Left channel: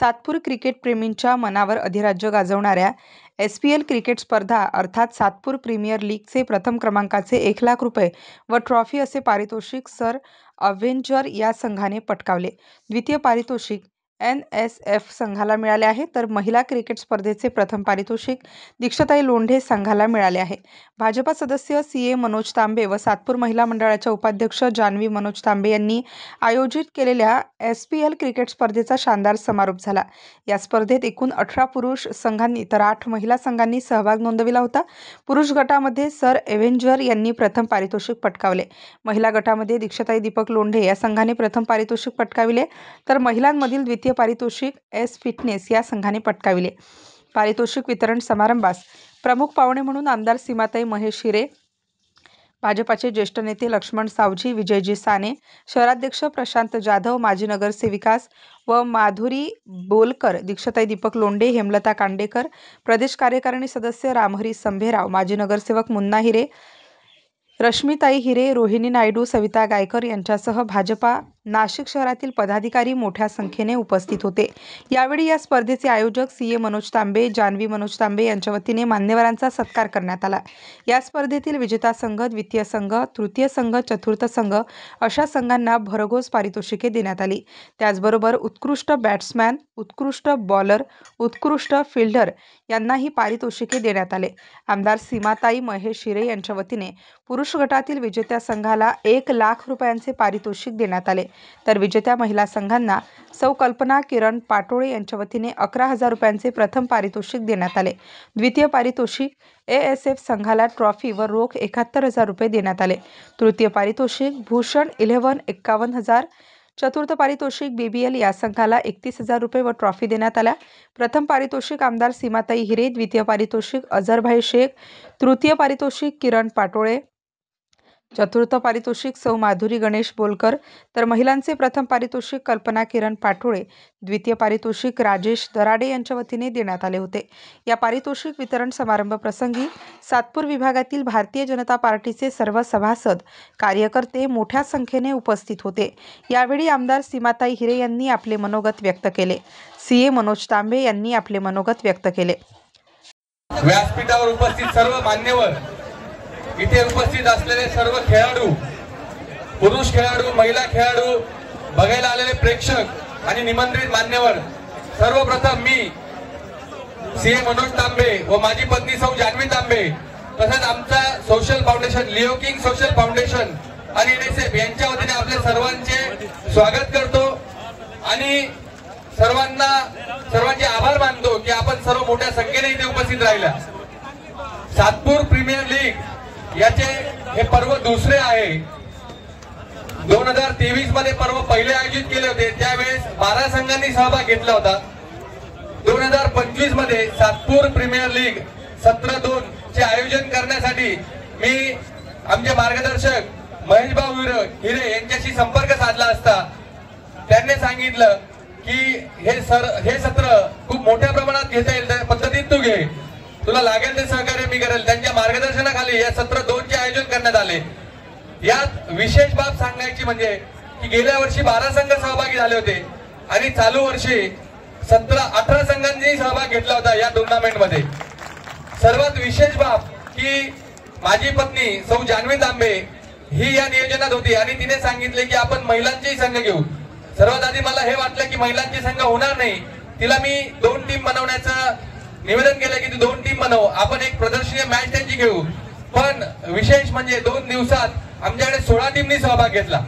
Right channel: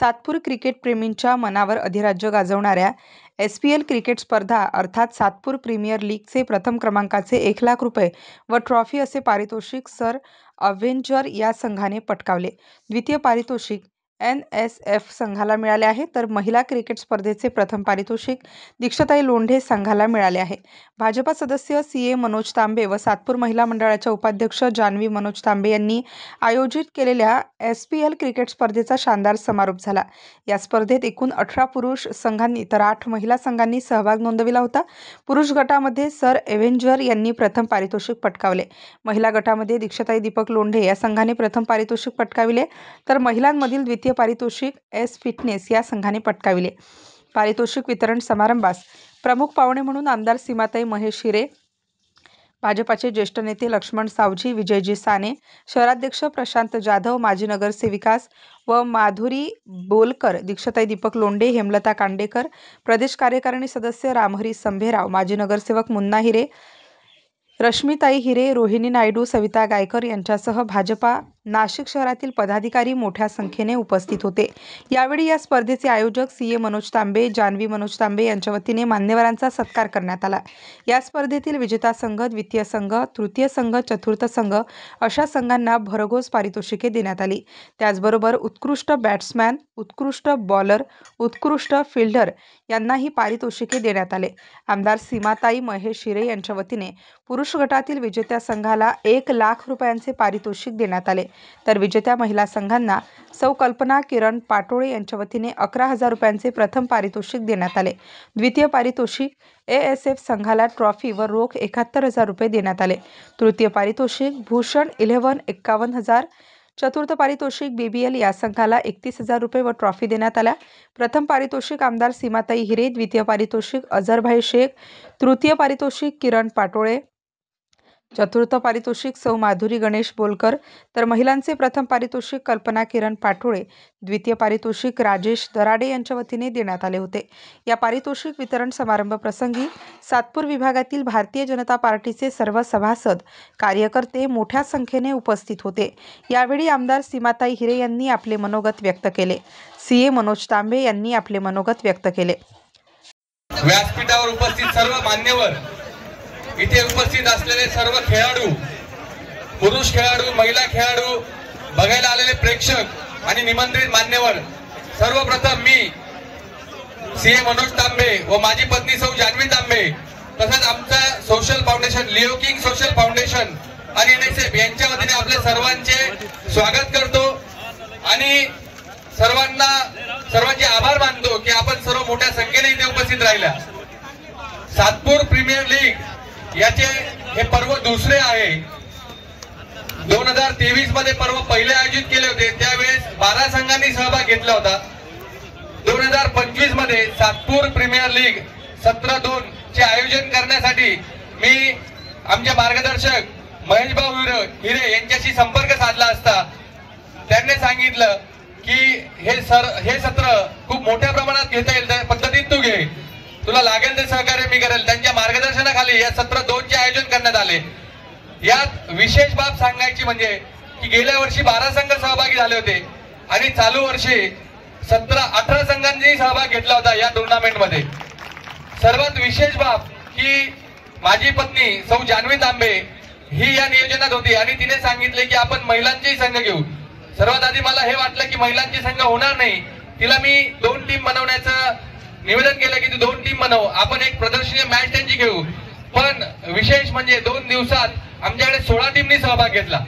Satpur cricket प्रेमींच्या मनावर अधिराज्य गाजवणाऱ्या SPL cricket स्पर्धा अर्थात सातपूर प्रीमियर लीगचे प्रथम क्रमांकाचे 1 लाख रुपये व ट्रॉफी असे पारितोषिक सर अव्हेंजर या संघाने पटकावले। द्वितीय पारितोषिक NSF संघाला मिळाले आहे, तर महिला क्रिकेट स्पर्धेचे प्रथम पारितोषिक दीक्षाताई लोंढे संघाला मिळाले आहे। भाजपा सदस्य CA मनोज तांबे व सातपूर महिला मंडळाच्या उपाध्यक्ष जान्हवी मनोज तांबे यांनी आयोजित केलेल्या SPL क्रिकेट स्पर्धेचा शानदार समारोप झाला। या स्पर्धेत एकूण 18 पुरुष संघांनी तर 8 महिला संघांनी सहभाग नोंदविला होता। पुरुष गटामध्ये सर अव्हेंजर यांनी प्रथम पारितोषिक पटकावले। महिला गटामध्ये दीक्षाताई दीपक लोंढे या संघाने प्रथम पारितोषिक पटकाविले, तर महिलांमधील द्वितीय पारितोषिक S फिटनेस या संघाने पटकाविले। पारितोषिक वितरण समारंभास प्रमुख पाहुणे म्हणून आमदार सीमाताई महेश हिरे, भाजपाचे ज्येष्ठ नेते लक्ष्मण सावजी, विजयजी साने, शहराध्यक्ष प्रशांत जाधव, माजी नगरसेविकास व माधुरी बोलकर, दीक्षाताई दीपक लोंढे, हेमलता कांडेकर, प्रदेश कार्यकारिणी सदस्य रामहरी संभेराव, माजी नगरसेवक मुन्ना हिरे, रश्मिताई हिरे, रोहिणी नायडू, सविता गायकर यांच्यासह भाजपा नाशिक शहरातील पदाधिकारी मोठ्या संख्येने उपस्थित होते। यावेळी या स्पर्धेचे आयोजक CA मनोज तांबे, जान्हवी मनोज तांबे यांच्या वतीने मान्यवरांचा सत्कार करण्यात आला। या स्पर्धेतील विजेता संघ, द्वितीय संघ, तृतीय संघ, चतुर्थ संघ अशा संघांना भरघोस पारितोषिके देण्यात आली। त्याचबरोबर उत्कृष्ट बॅट्समॅन, उत्कृष्ट बॉलर, उत्कृष्ट फिल्डर यांनाही पारितोषिके देण्यात आले। आमदार सीमाताई महेश हिरे यांच्या वतीने पुरुष गटातील विजेत्या संघाला 1 लाख रुपयांचे पारितोषिक देण्यात आले, तर विजेत्या महिला संघांना सौ कल्पना किरण पाटोळे यांच्या वतीने 11,000 रुपयांचे प्रथम पारितोषिक देण्यात आले। द्वितीय पारितोषिक ASF संघाला ट्रॉफी व रोख 71,000 रुपये देण्यात आले। तृतीय पारितोषिक भूषण 11 51,000, चतुर्थ पारितोषिक BBL या संघाला 31,000 रुपये व ट्रॉफी देण्यात आल्या। प्रथम पारितोषिक आमदार सीमाताई हिरे, द्वितीय पारितोषिक अझरभाई शेख, तृतीय पारितोषिक किरण पाटोळे, चतुर्थ पारितोषिक सौ माधुरी गणेश बोलकर, तर महिलांचे प्रथम पारितोषिक कल्पना किरण पाटोळे, द्वितीय पारितोषिक राजेश दराडे यांच्या वतीने देण्यात आले होते। या पारितोषिक वितरण समारंभ प्रसंगी सातपूर विभागातील भारतीय जनता पार्टीचे सर्व सभासद, कार्यकर्ते मोठ्या संख्येने उपस्थित होते। यावेळी आमदार सीमाताई हिरे यांनी आपले मनोगत व्यक्त केले। CA मनोज तांबे यांनी आपले मनोगत व्यक्त केले। व्यासपीठावर उपस्थित सर्व मान्यवर, इथे उपस्थित असलेले सर्व खेळाडू, पुरुष खेळाडू, महिला खेळाडू, बघायला आलेले प्रेक्षक आणि निमंत्रित मान्यवर, सर्वप्रथम मी CA मनोज तांबे व माझी पत्नी सौ जान्हवी तांबे तसंच आमचा social foundation, Leo king social foundation आणि NSF यांच्या वतीने आपले सर्वांचे स्वागत करतो आणि सर्वांचे आभार मानतो की आपण सर्व मोठ्या संख्येने इथे उपस्थित राहिला। सातपूर प्रीमियर लीग याचे हे पर्व दुसरे आहे। 2023 मध्ये पर्व पहिले आयोजित केले होते, त्यावेळेस 12 संघांनी सहभाग घेतला होता। 2025 मध्ये सातपूर प्रीमियर लीग सत्र 2 चे आयोजन करण्यासाठी मी आमचे मार्गदर्शक महेशभाऊ हिरे यांच्याशी संपर्क साधला असता त्यांनी सांगितलं की हे सत्र खूप मोठ्या प्रमाणात घेता येईल, त्या पद्धतीत तू घे, तुला लागेल ते सहकार्य मी करेल। त्यांच्या मार्गदर्शनाखाली या सत्र 2 चे आयोजन करण्यात आले। यात विशेष बाब सांगायची म्हणजे की गेल्या वर्षी 12 संघ सहभागी झाले होते आणि चालू वर्षी 18 संघांनी सहभाग घेतला होता या टुर्नामेंटमध्ये। सर्वात विशेष बाब की माझी पत्नी सौ जान्हवी तांबे ही या नियोजनात होती आणि तिने सांगितले की आपण महिलांचे संघ घेऊ। सर्वात आधी मला हे वाटलं की महिलांचे संघ होणार नाही, तिला मी 2 टीम बनवण्याचं निवेदन केलं की तू 2 टीम बनव, आपण एक प्रदर्शनीय मॅच त्यांची घेऊ। पण विशेष म्हणजे 2 दिवसात आमच्याकडे 16 टीमनी सहभाग घेतला।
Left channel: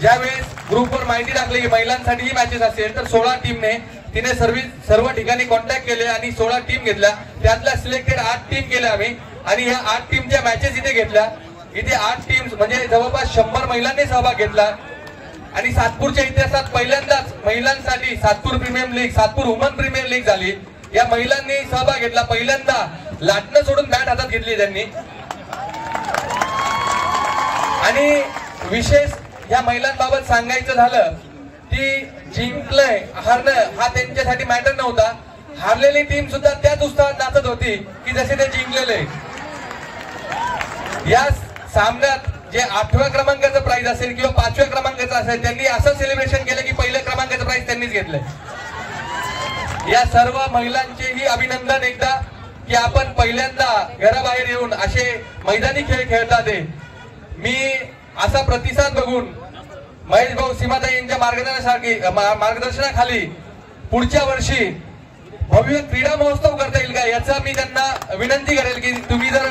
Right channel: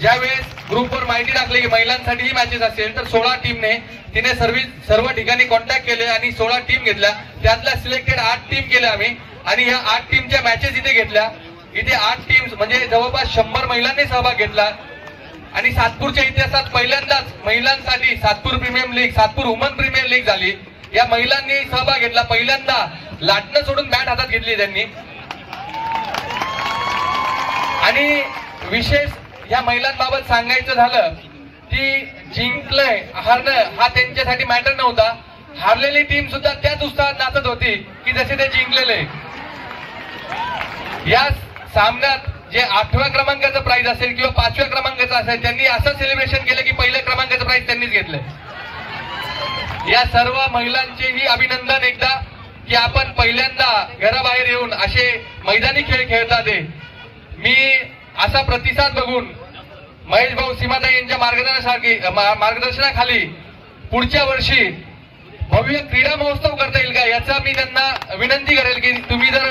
ज्यावेळेस ग्रुपवर माहिती टाकली की महिलांसाठी मॅचेस असेल तर 16 टीमने तिने सर्व ठिकाणी कॉन्टॅक्ट केले आणि 16 टीम घेतल्या। त्यातल्या सिलेक्टेड 8 टीम केल्या आम्ही आणि या 8 टीमच्या मॅचेस इथे घेतल्या। इथे 8 टीम्स म्हणजे जवळपास 100 महिलांनी सहभाग घेतला आणि सातपूरच्या इतिहासात पहिल्यांदाच महिलांसाठी Satpur premier league, Satpur woman premier league झाली। या महिलांनी सहभाग घेतला, पहिल्यांदा लाटणं सोडून बॅट हातात घेतली त्यांनी। आणि विशेष या महिलांबाबत सांगायचं झालं की जिंकलंय हारणं हा त्यांच्यासाठी मॅटर नव्हता, हारलेली टीम सुद्धा त्याच उत्साहात नाचत होती की जसे ते जिंकलेले। या सामन्यात जे 8व्या क्रमांकाचं प्राइज असेल किंवा 5व्या क्रमांकाचं असेल, त्यांनी असं सेलिब्रेशन केलं की पहिल्या क्रमांकाचं प्राइज त्यांनीच घेतलंय। या सर्व महिलांचेही अभिनंदन एकदा की आपण पहिल्यांदा घराबाहेर येऊन असे मैदानी खेळ खेळतात. मी असा प्रतिसाद बघून महेश भाऊ सीमाताई यांच्या मार्गदर्शनाखाली पुढच्या वर्षी भव्य क्रीडा महोत्सव करता येईल का याचा मी त्यांना विनंती करेल की तुम्ही जर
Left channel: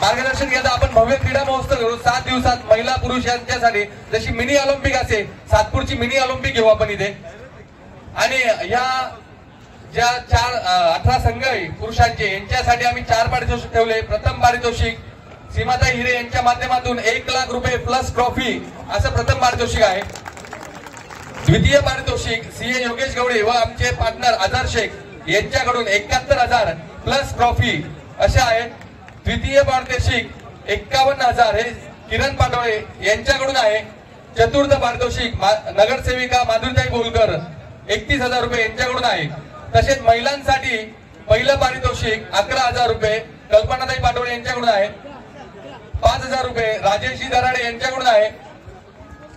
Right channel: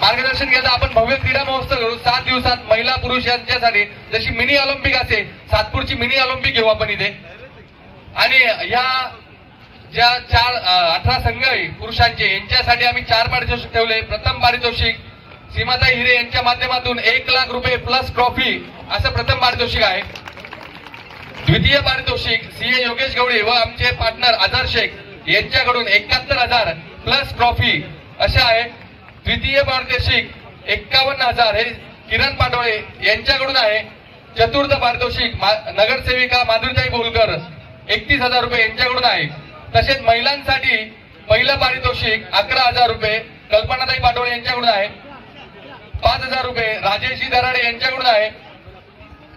मार्गदर्शन केलं आपण भव्य क्रीडा महोत्सव करू 7 दिवसात महिला पुरुष यांच्यासाठी जशी मिनी ऑलिम्पिक असे सातपूरची मिनी ऑलिम्पिक घेऊ आपण इथे. आणि या ज्या 18 संघ आहे पुरुषांचे यांच्यासाठी आम्ही 4 पारितोषिक ठेवले. प्रथम पारितोषिक सीमाताई हिरे यांच्या माध्यमातून 1 लाख रुपये प्लस ट्रॉफी असं प्रथम पारितोषिक आहे. द्वितीय पारितोषिक सीए योगेश गवळे व आमचे पार्टनर अझर शेख यांच्याकडून 71,000 प्लस ट्रॉफी असे आहे. द्वितीय पारितोषिक 51,000 हे किरण पाटोळे यांच्याकडून आहे. चतुर्थ पारितोषिक नगरसेविका माधुरीताई बोलकर 31,000 रुपये यांच्याकडून आहे. तसेच महिलांसाठी पहिलं पारितोषिक 11,000 रुपये कल्पनाताई पाटोळे यांच्याकडून आहे. 5,000 रुपये राजेशजी दराडे यांच्याकडून आहे.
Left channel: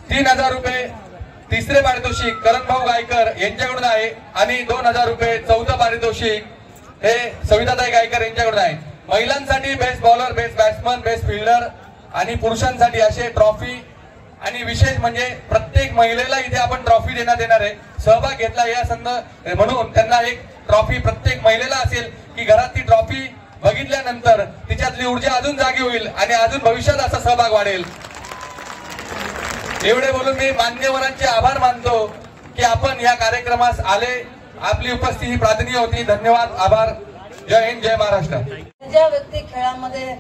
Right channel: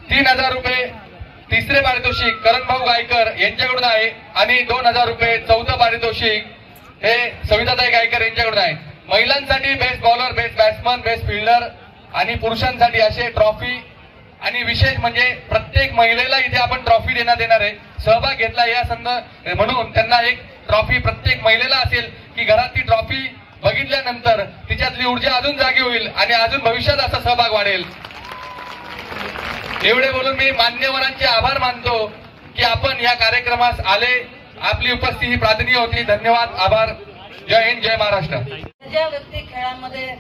3,000 रुपये तिसरे पारितोषिक करणभाऊ गायकर यांच्याकडून आहे. आणि 2,000 रुपये चौथं पारितोषिक हे सविताताई गायकर यांच्याकडून आहे. महिलांसाठी best bowler, best batsman, best fielder आणि पुरुषांसाठी असे ट्रॉफी. आणि विशेष म्हणजे प्रत्येक महिलेला इथे आपण ट्रॉफी देण्यात येणार आहे. सहभाग घेतला या म्हणून त्यांना एक ट्रॉफी प्रत्येक महिलेला असेल की घरात ती ट्रॉफी बघितल्यानंतर तिच्यातली ऊर्जा अजून जागी होईल आणि अजून भविष्यात असा सहभाग वाढेल. एवढे बोलून मी मान्यवरांचे आभार मानतो की आपण या कार्यक्रमास आले. आपली उपस्थिती प्राधान्य होती. धन्यवाद, आभार. जय हिंद, जय महाराष्ट्र. ज्या व्यक्ती खेळामध्ये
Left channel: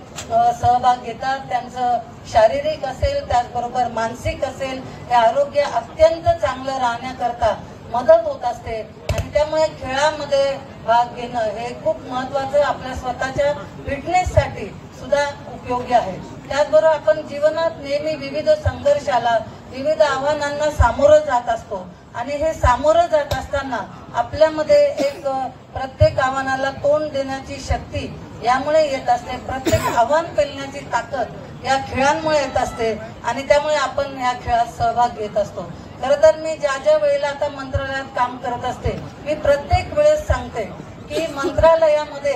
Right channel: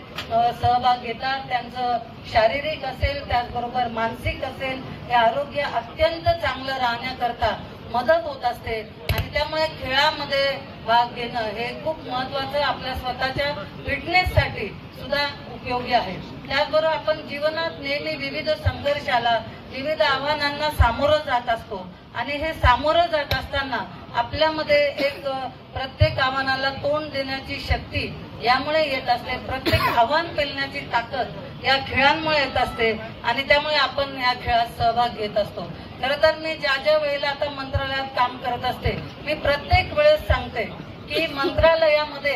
सहभाग घेतात त्यांचं शारीरिक असेल त्याचबरोबर मानसिक असेल हे आरोग्य अत्यंत चांगलं राहण्याकरता मदत होत असते. आणि त्यामुळे खेळामध्ये भाग घेणं हे खूप महत्वाचं आपल्या स्वतःच्या फिटनेससाठी सुद्धा उपयोगी आहे. त्याचबरोबर आपण जीवनात नेहमी विविध संघर्षाला विविध आव्हानांना सामोरं जात असतो. आणि हे सामोरं जात असताना आपल्यामध्ये एक प्रत्येक आव्हानाला तोंड देण्याची शक्ती यामुळे येत असते. प्रत्येक आव्हान पेलण्याची ताकद या खेळांमुळे येत असते. आणि त्यामुळे आपण या खेळात सहभाग घेत असतो. खरं तर मी ज्या वेळेला आता मंत्रालयात काम करत असते मी प्रत्येक वेळेस सांगते की मंत्रालयामध्ये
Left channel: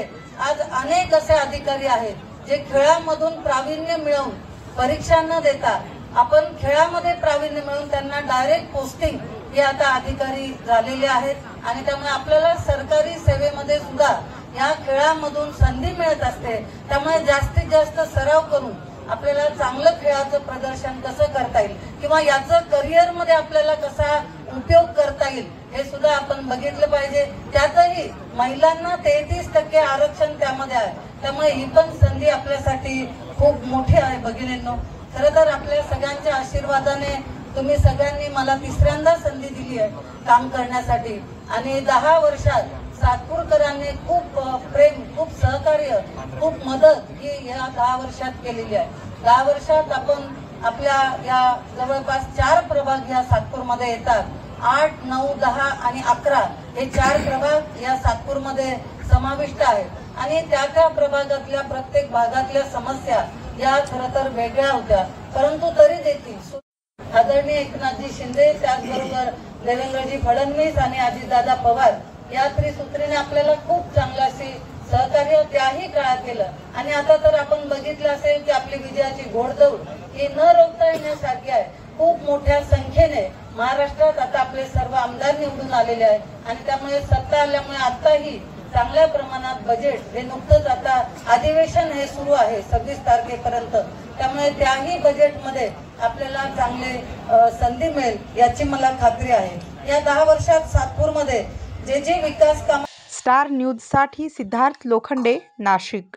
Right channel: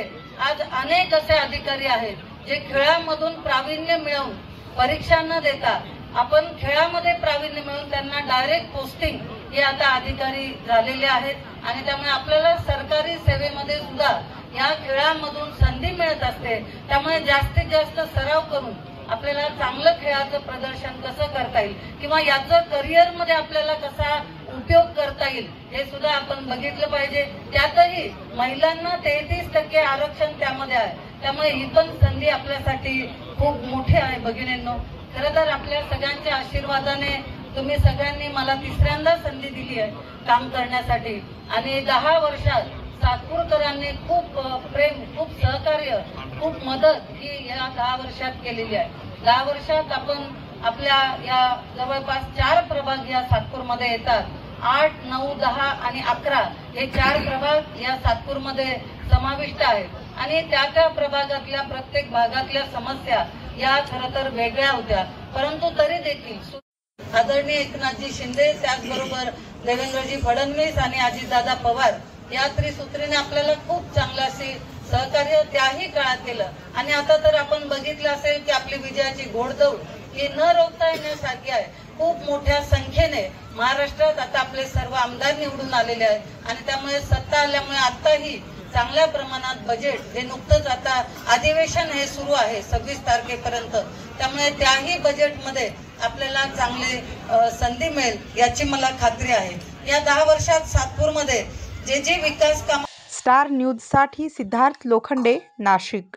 आज अनेक असे अधिकारी आहेत जे खेळामधून प्रावीण्य मिळवून परीक्षा न देता आपण खेळामध्ये प्रावीण्य मिळवून त्यांना डायरेक्ट पोस्टिंग हे आता अधिकारी झालेले आहेत. आणि त्यामुळे आपल्याला सरकारी सेवेमध्ये सुद्धा या खेळांमधून संधी मिळत असते. त्यामुळे जास्तीत जास्त सराव करून आपल्याला चांगलं खेळाचं प्रदर्शन कसं करता येईल किंवा याचं करिअरमध्ये आपल्याला कसा उपयोग करता येईल हे सुद्धा आपण बघितलं पाहिजे. त्यातही महिलांना 33% आरक्षण त्यामध्ये आहे. त्यामुळे ही पण संधी आपल्यासाठी खूप मोठी आहे भगिनींनो. खरं तर आपल्या सगळ्यांच्या आशीर्वादाने तुम्ही सगळ्यांनी मला तिसऱ्यांदा संधी दिली आहे काम करण्यासाठी. आणि 10 वर्षात सातपूरकरांनी खूप प्रेम, खूप सहकार्य, खूप मदत ही या 10 वर्षात केलेली आहे. 10 वर्षात आपण आपल्या या जवळपास 4 प्रभाग या सातपूरमध्ये येतात. 8, 9, 10 आणि 11 हे 4 प्रभाग या सातपूरमध्ये समाविष्ट आहेत. आणि त्या प्रभागातल्या प्रत्येक भागातल्या समस्या या खरं तर वेगळ्या होत्या. परंतु तरी देखील आदरणीय एकनाथजी शिंदे त्याचबरोबर देवेंद्रजी फडणवीस आणि अजितदादा पवार या त्रिसूत्रीने आपल्याला खूप चांगलं असे सहकार्य त्याही काळात केलं. आणि आता तर आपण बघितलं असेल की आपली विजयाची घोडदौड ही न रोखता येण्यासारखी आहे. खूप मोठ्या संख्येने महाराष्ट्रात आता आपले सर्व आमदार निवडून आलेले आहेत. आणि त्यामुळे सत्ता आल्यामुळे आताही चांगल्या प्रमाणात बजेट हे नुकतंच आता अधिवेशन हे सुरू आहे 26 तारखेपर्यंत. त्यामुळे त्याही बजेटमध्ये आपल्याला चांगले संधी मिळेल याची मला खात्री आहे. या 10 वर्षात सातपूरमध्ये जे विकास काम. स्टार न्यूज साठी सिद्धार्थ लोखंडे, नाशिक.